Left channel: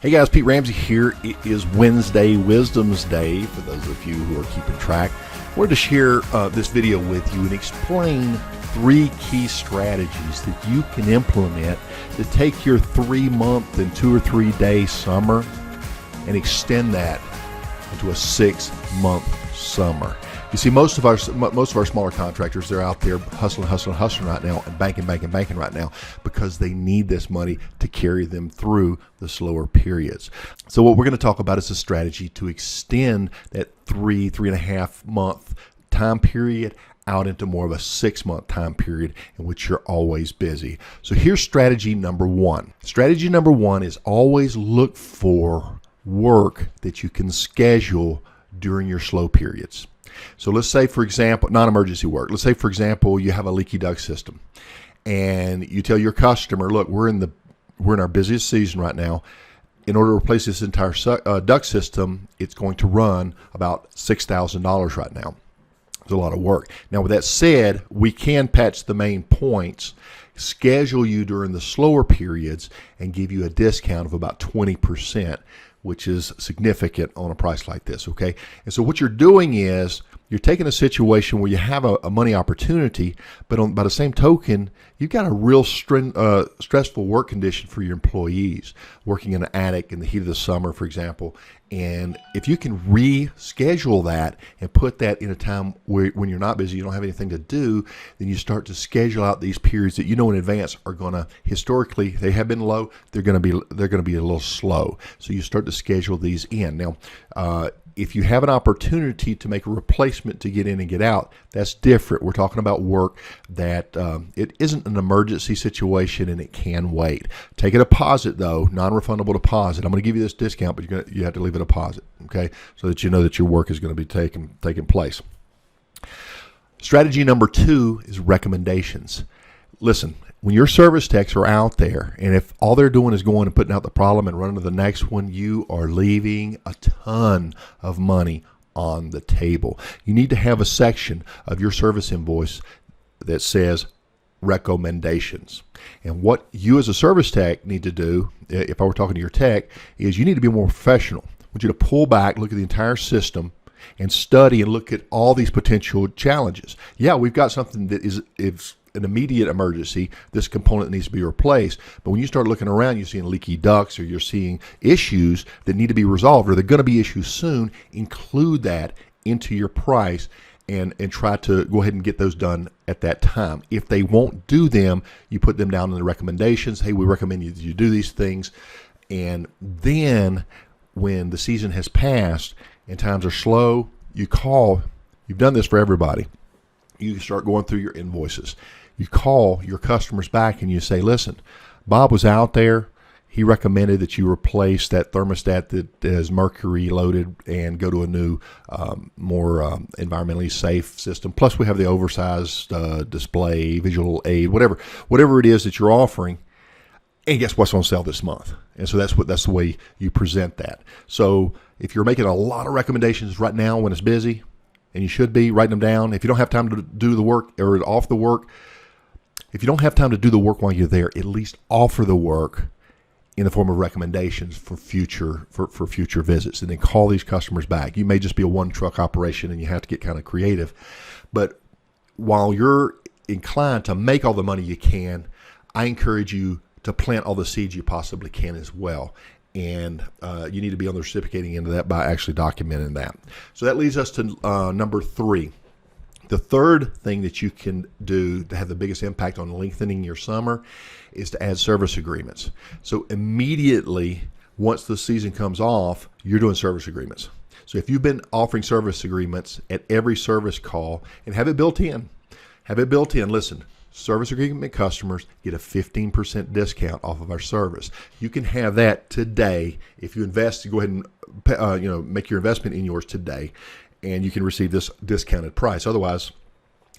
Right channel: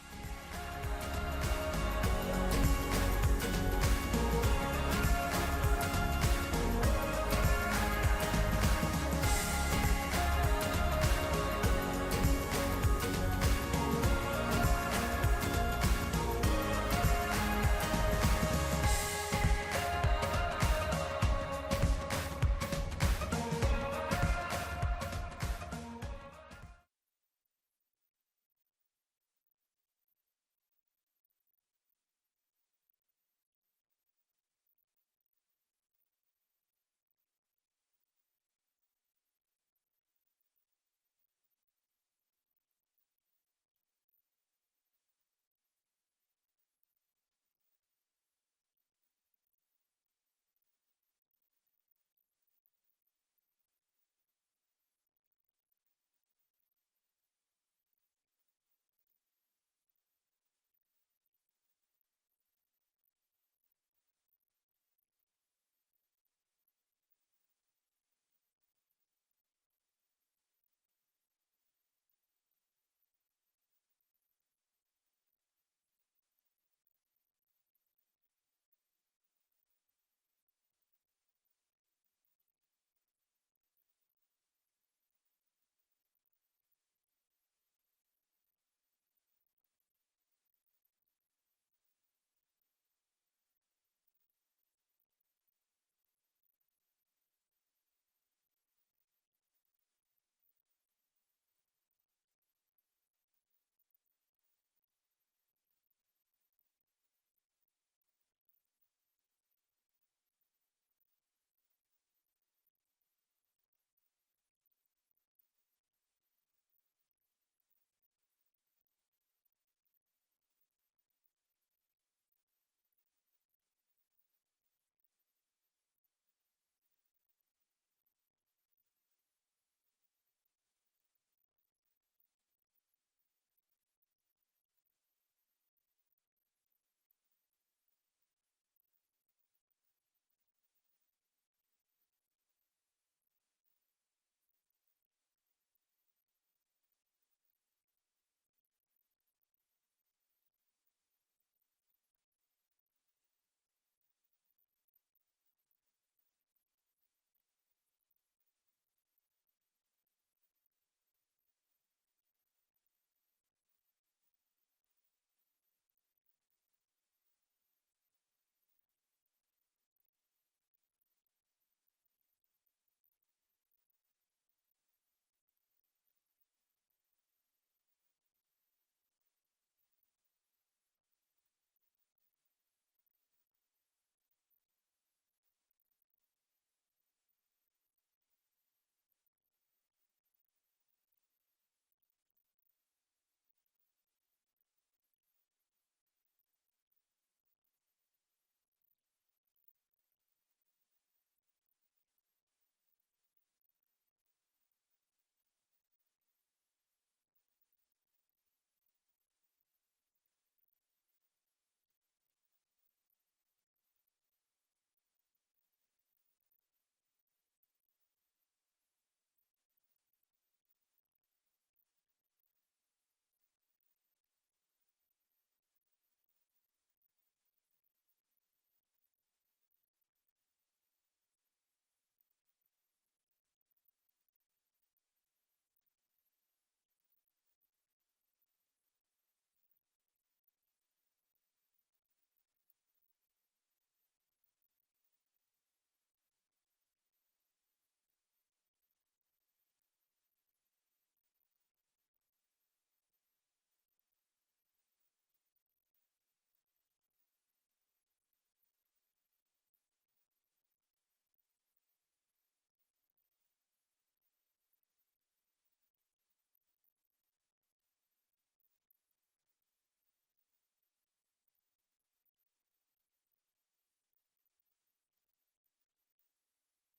Hey guys, Pete Ramsey here. It is Wednesday, Wisdom's Day, for those of you who are keeping track. I wanted to share this video with you and explain 3 key strategies that you can implement to take your 3-month and 2 or 3 day summer and extend that into a 6-month summer. You see, most of our smaller contractors, they're out there hustling right now and banking right now because they need this money to carry them through the slower periods. So what we're going to talk about is a strategy to extend that 3.5 month time period out into more of a 6-month time period in which you're always busy. So here's strategy number 1. Strategy number 1 is always look for work that you can schedule during your slow periods. So let's say, for example, non-emergency work. Let's say, for example, you have a leaky duct system and you tell your customer, look, we're in our busiest season right now. In order to replace this entire duct system, it's going to run about $6,000 right now. It's a lot of work. Now, with that said, we can patch the main points, schedule you during the slower periods, and give you a discount of about 20%, which is significant on a price like this, okay? And so what you're doing is you're taking a situation where you have a money opportunity, but by the same token, you've got a real stressful work condition for your employees, working in an attic in the heat of the summer, for example. And if you can reschedule that and put that in a time when you're not busy, you don't have anything to do, then you start to schedule out these periods that you know in advance are going to, historically, they have been low, they're going to be a little slow. So you start to schedule these in. Now, if you have an opportunity to make a replacement to get in and get out, that's different. We're talking about work that it isn't an emergency situation and it can wait. Take a deposit though, non-refundable deposit. I'm going to give you this discount, but you have to leave a deposit, okay, so that you know that your work is going to be taking place. Strategy number 2 is recommendations. Listen, when your service techs are out there, and if all they're doing is going and putting out the problem and running to the next one, you are leaving a ton of money on the table. You need to have a section of your service invoice that says recommendations. And what you as a service tech need to do, if I were talking to your tech, is you need to be more professional. I want you to pull back, look at the entire system, and study and look at all these potential challenges. Yeah, we've got something that is an immediate emergency. This component needs to be replaced. But when you start looking around, you're seeing leaky ducts, or you're seeing issues that need to be resolved, or they're going to be issues soon. Include that into your price and try to go ahead and get those done at that time. If they won't do them, you put them down in the recommendations. Hey, we recommend you do these things. And then when the season has passed and times are slow, you call. You've done this for everybody. You start going through your invoices. You call your customers back and you say, listen, Bob was out there. He recommended that you replace that thermostat that is mercury loaded and go to a new, more environmentally safe system. Plus we have the oversized display, visual aid, whatever it is that you're offering. And guess what's on sale this month? And so that's the way you present that. So if you're making a lot of recommendations right now when it's busy, and you should be writing them down. If you don't have time to do the work or off the work, if you don't have time to do the work while you're there, at least offer the work in the form of recommendations for future visits, and then call these customers back. You may just be a 1-truck operation and you have to get kind of creative. But while you're inclined to make all the money you can, I encourage you to plant all the seeds you possibly can as well. And you need to be on the reciprocating end of that by actually documenting that. So that leads us to number 3. The third thing that you can do to have the biggest impact on lengthening your summer is to add service agreements. So immediately, once the season comes off, you're doing service agreements. So if you've been offering service agreements at every service call, and have it built in, listen, service agreement customers get a 15% discount off of our service. You can have that today. If you invest, go ahead and make your investment in yours today, and you can receive this discounted price. Otherwise,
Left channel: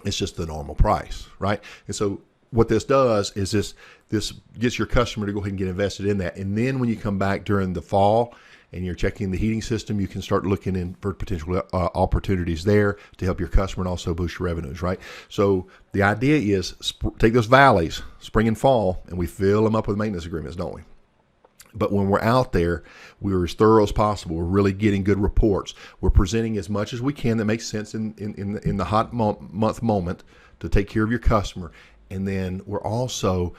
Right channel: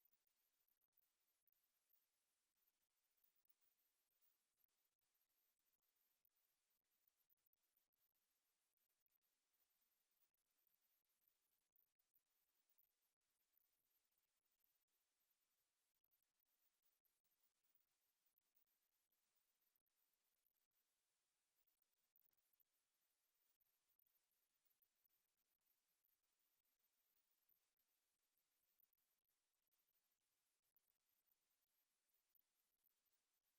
it's just the normal price, right? And so what this does is this gets your customer to go ahead and get invested in that. And then when you come back during the fall and you're checking the heating system, you can start looking in for potential opportunities there to help your customer and also boost your revenues, right? So the idea is take those valleys, spring and fall, and we fill them up with maintenance agreements, don't we? But when we're out there, we're as thorough as possible. We're really getting good reports. We're presenting as much as we can that makes sense in the hot month moment to take care of your customer. And then we're also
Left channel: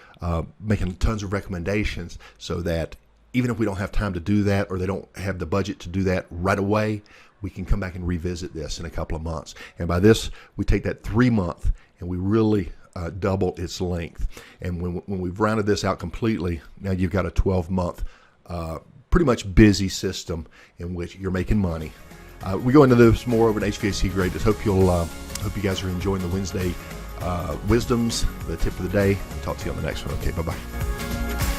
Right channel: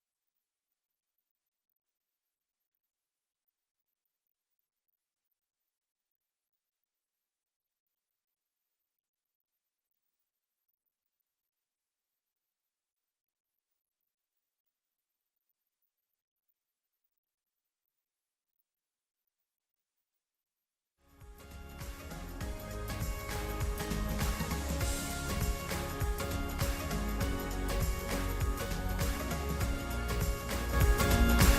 making tons of recommendations so that even if we don't have time to do that, or they don't have the budget to do that right away, we can come back and revisit this in a couple of months. And by this, we take that 3-month and we really double its length. And when we've rounded this out completely, now you've got a 12-month, pretty much busy system in which you're making money. We go into this more over an HVAC grade. Just hope you guys are enjoying the Wednesday wisdoms, the tip of the day. Talk to you on the next one. Okay, bye-bye.